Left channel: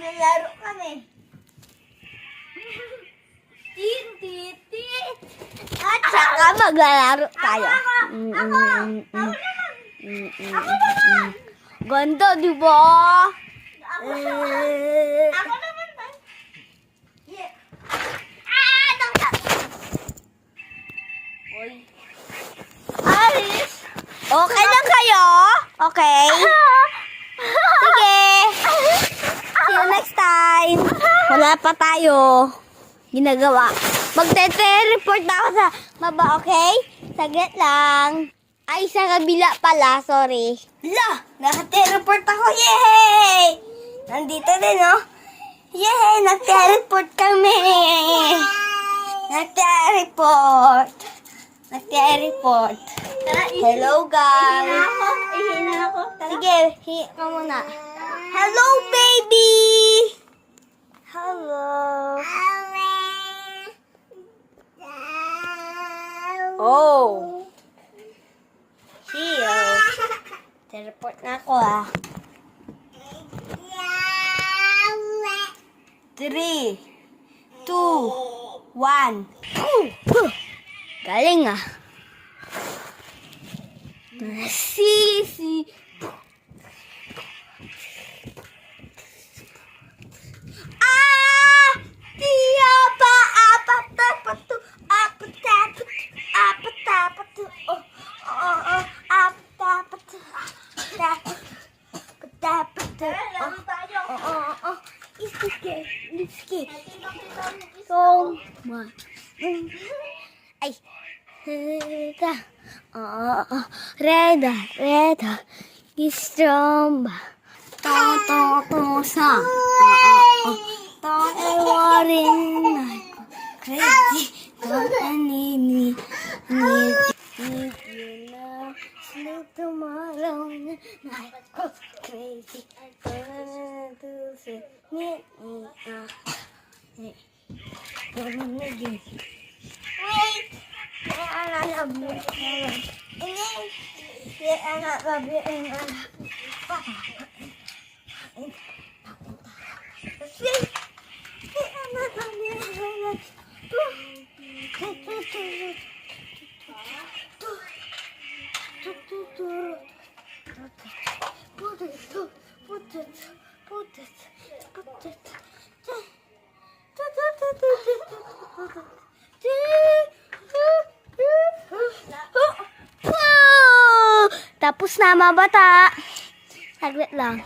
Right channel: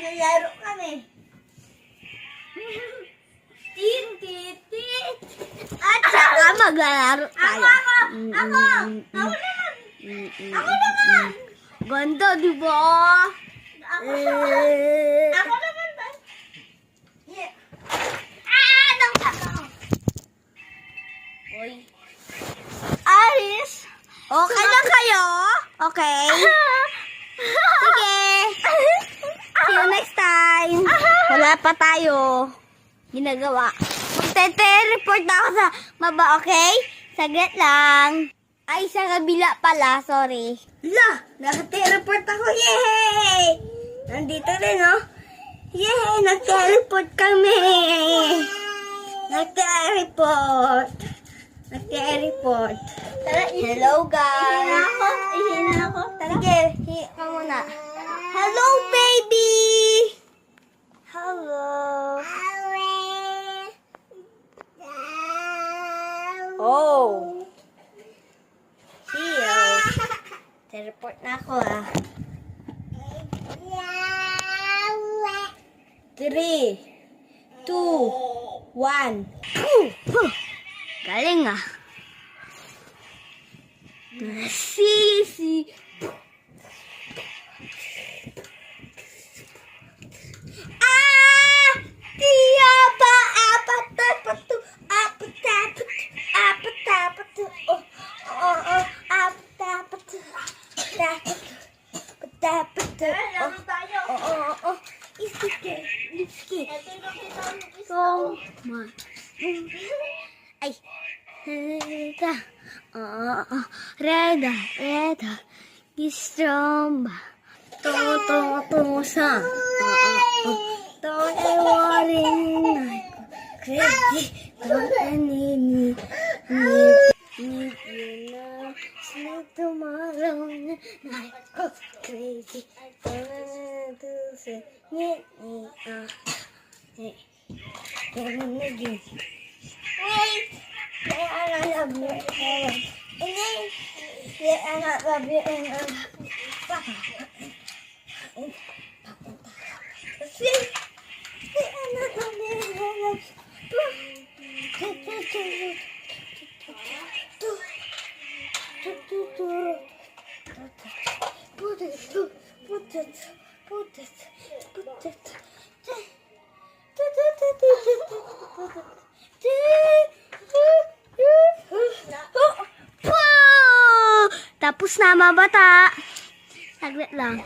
maglalaro kami. Tin-tit-tit. At saka maglalaro tayo. Ako naman! Ganda, di ba? Ako naman ba? Yeah. Oy. Aris! Okay lang kayo? Okay? Sige! See you next time! Wala pa tayo ginagawa. Magte-report na ako sa baba, okay? Saglit lang. Ay, sa kabila pala, sorry. La! Nakate-report ako, yay! Nandito din, oh. Yay! Nagte-report kami! Nagte-report! Nagte-report! Hello, guys! Ihina ako. Sige, hiya ka muna. Hello, baby! Hello! Oh! Here. Teleport na ako, ah. 3, 2, 1. Galing, ah. Sisi. Ah! Tiya pa apat dapat to. Apat dapat. Apat dapat to. Oh, apat dapat to. Dapat. Dapat to. Oh. Isti. So much. Ay. Reda. Gistromba. Tong sa. Tong waring. Crazy. Nini. Need you now. Sleep tomorrow. Night goes crazy. To say need me. Wait. I love you. I love you. Tapos na, mga bata. Saglit lang.